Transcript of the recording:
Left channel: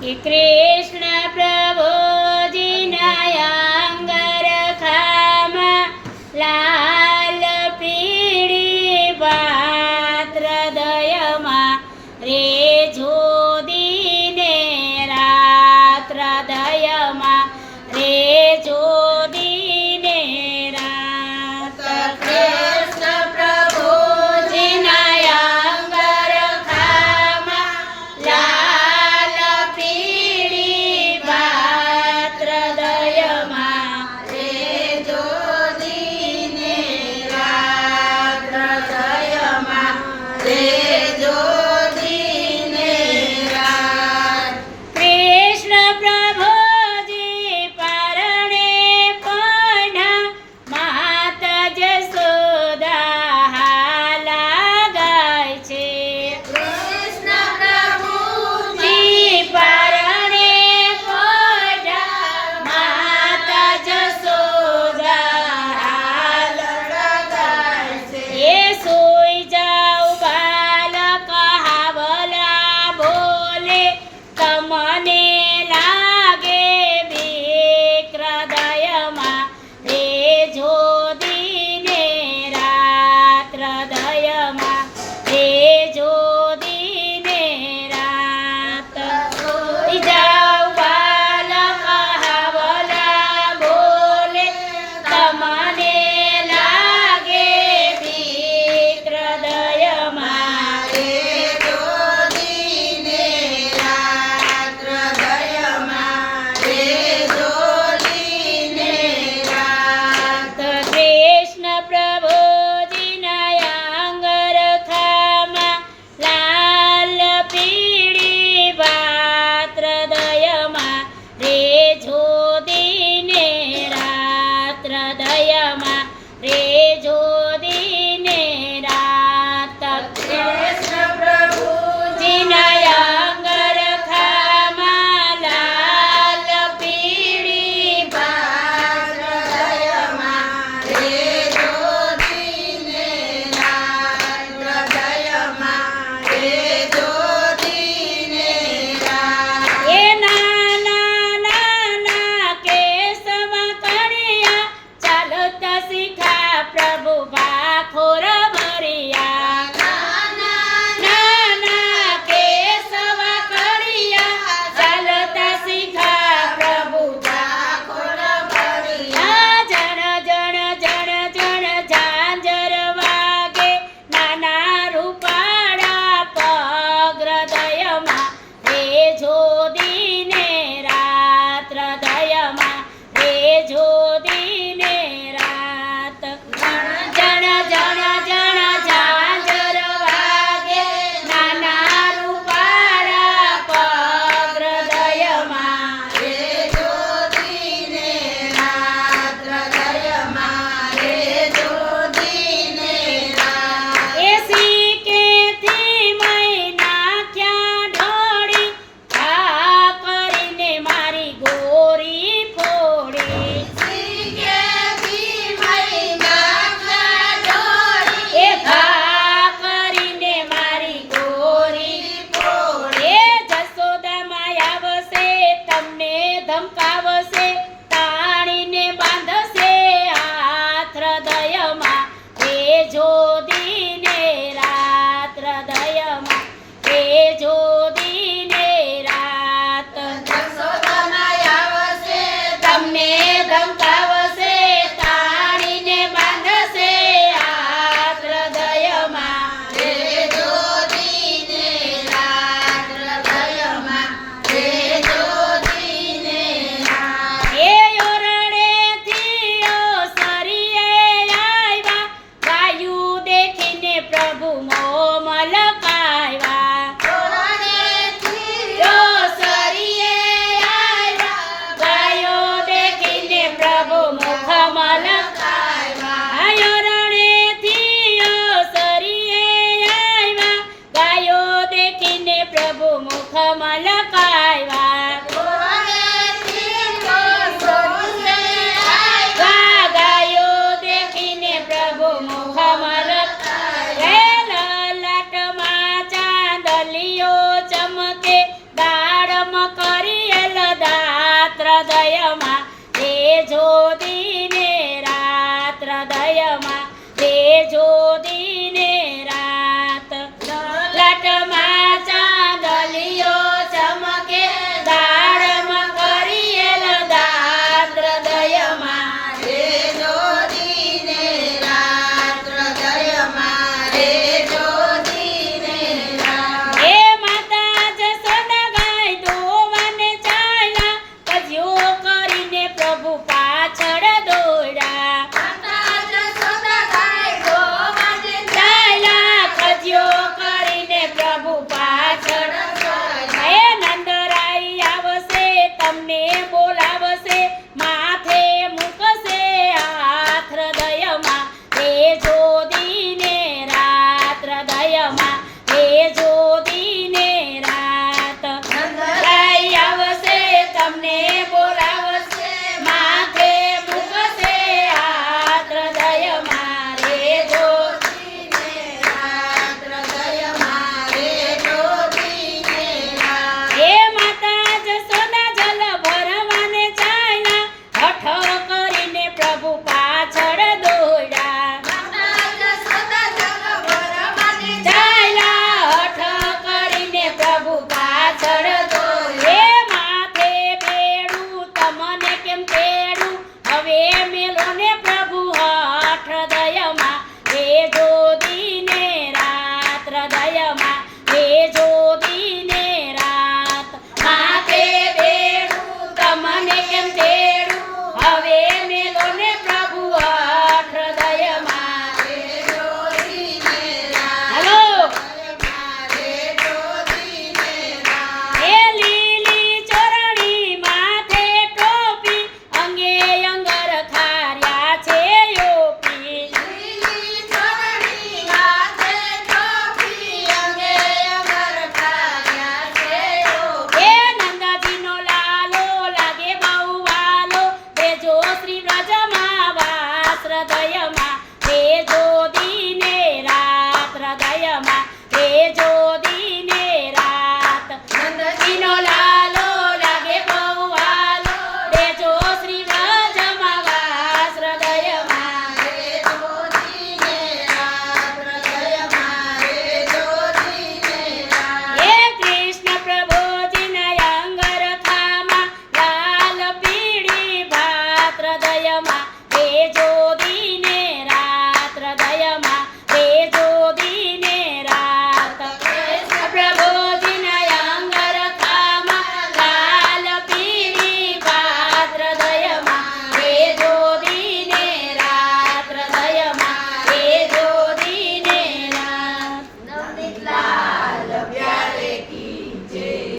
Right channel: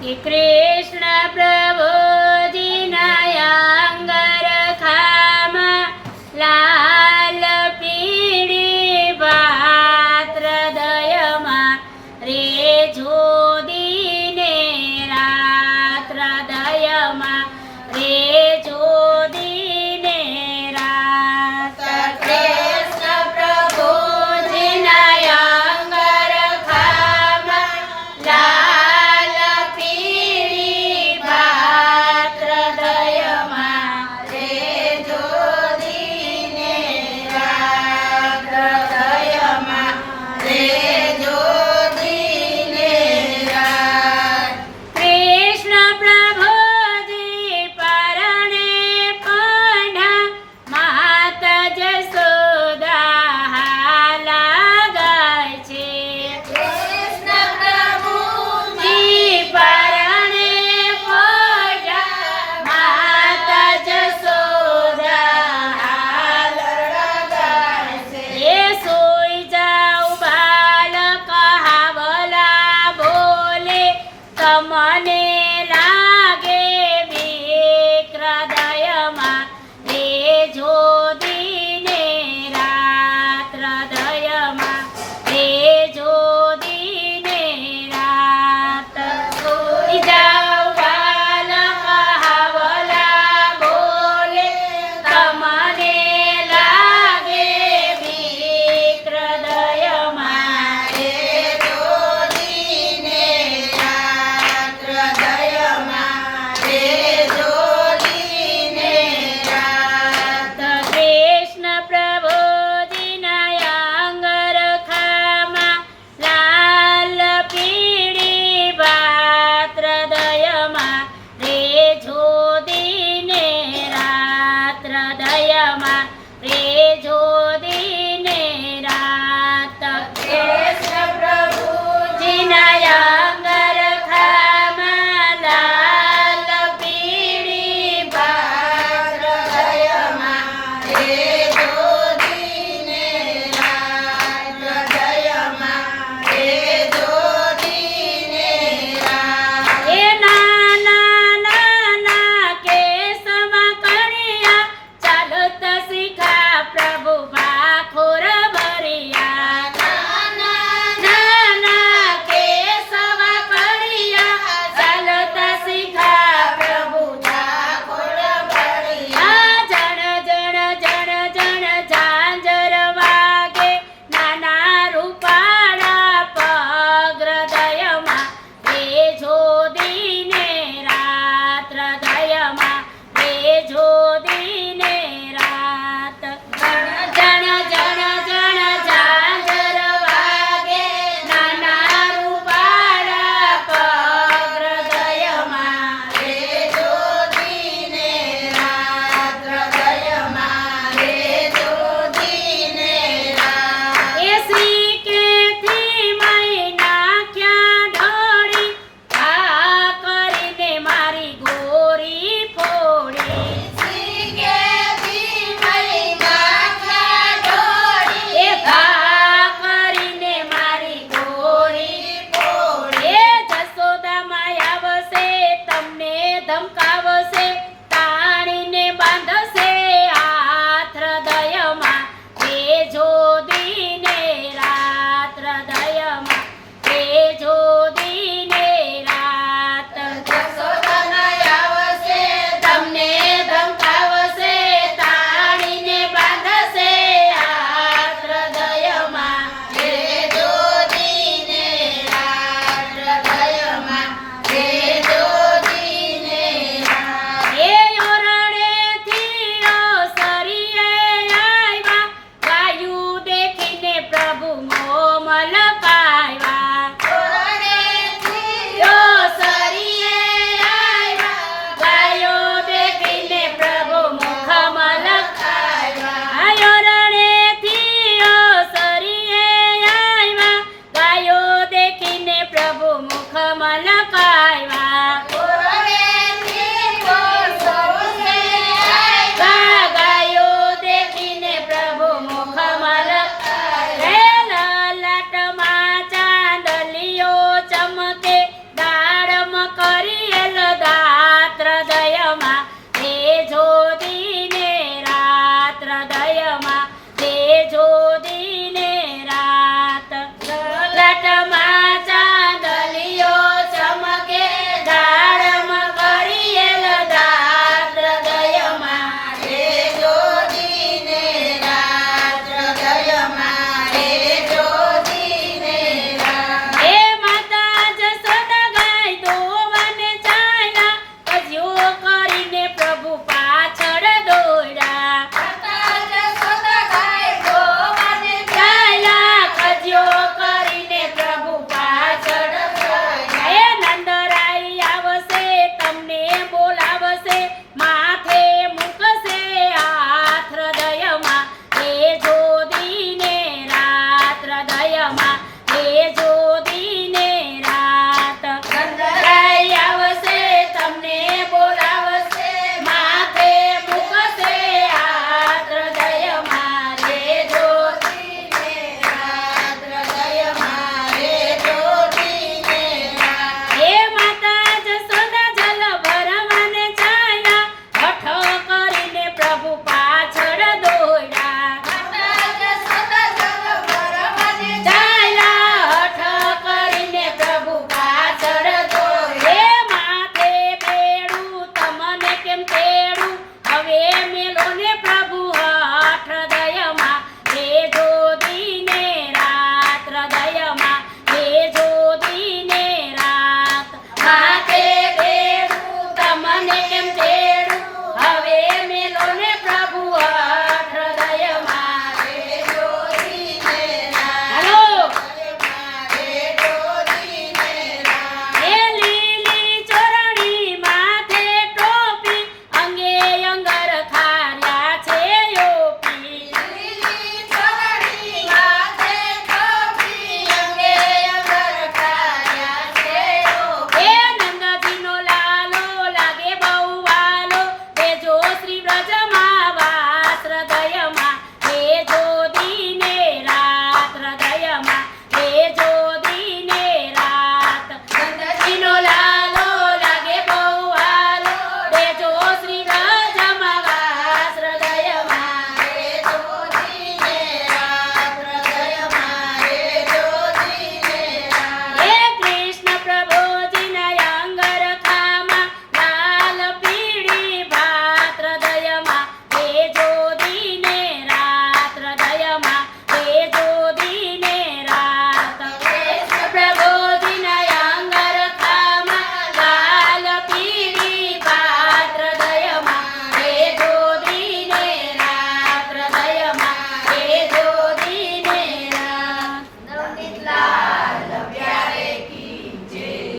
कि कृष्ण प्रभुजीना अंगरखामा लाल पीड़ी पात्र दयमा रे जोदीने रात्र दयमा रे जोदीने रात कृष्ण प्रभुजीना अंगरखामा लाल पीड़ी पात्र दयमा रे जोदीने रात्र दयमा रे जोदीने रात कृष्ण प्रभुजी परणे पढ़ा माता जसोदा हाला गाय छे कृष्ण प्रभुजी परणे पढ़ा माता जसोदा हाला गाय छे ए सोई जाओ बालक हावला बोले कमने लागे विक्रदयमा रे जोदीने रात्र दयमा रे जोदीने रात सोई जाओ बालक हावला बोले कमने लागे विक्रदयमा रे जोदीने रात्र दयमा रे जोदीने रात कृष्ण प्रभुजीना अंगरखामा लाल पीड़ी पात्र दयमा रे जोदीने रात्र दयमा रे जोदीने रात कृष्ण प्रभुजीना अंगरखामा लाल पीड़ी पात्र दयमा रे जोदीने रात्र दयमा रे जोदीने रात ए नाना नाना केसवा करिया चालता शिखा प्रभु बाखोर भरिया नाना नाना केसवा करिया चालता शिखा प्रभु बाखोर भरिया जन जन जन जन झांझर वागे नाना रूपाड़ा पग्र दयमा रे जोदीने रात्र दयमा रे जोदीने रात जन जन जन झांझर वागे नाना रूपाड़ा पग्र दयमा रे जोदीने रात्र दयमा रे जोदीने रात एसी के थी मैना क्या ढोड़ी आ કરીને મારી ગોરી ફોડી એ ઘા કરીને મારી ગોરી ફોડી એ જસોદા માયા વસે તમને ધમકાવશે પાણીને બાંધશે હાથ હૃદયમાં રે જોદીને રાત્ર દયમાં રે જોદીને રાત જસોદા માયા વસે તમને ધમકાવશે તાણીને બાંધશે હાથ હૃદયમાં રે જોદીને રાત્ર દયમાં રે જોદીને રાત એ ઓરણેથી ઓસરીએ આવ્યા ગાયું देखीने प्रभु मोह मलकाव्या ओसरीए આવ્યા ગાયો देखीने प्रभु मुख मलकाव्या ઓરણેથી ઓસરીએ આવ્યા ગાયો देखीने प्रभु मुख मलकाव्या गायो देखीने प्रभु मुख मलकाव्या ललाटમાં ચાંદલિયો ચમકે દાડમ જ્યોતિ